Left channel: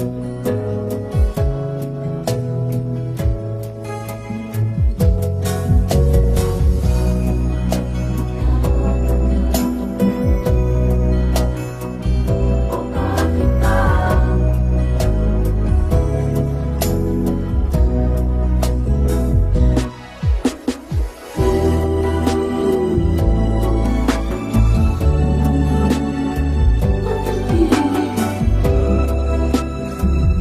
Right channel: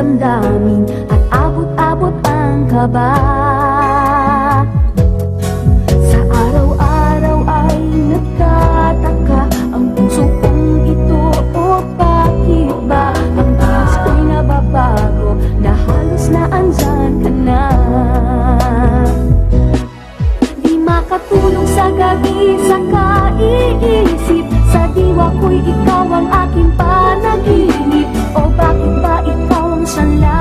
damdamin at abot-abot ang kaba. Sa araw-araw ay nagtataka ang puso kong ito, o bakit ba ang tiis ko'y nababago na halos na andyan ka na. Di makatulog sa gabi sa kaiisip, sa diwa ko'y ikaw ang aking panaginip. O bakit ba ikaw ang sanla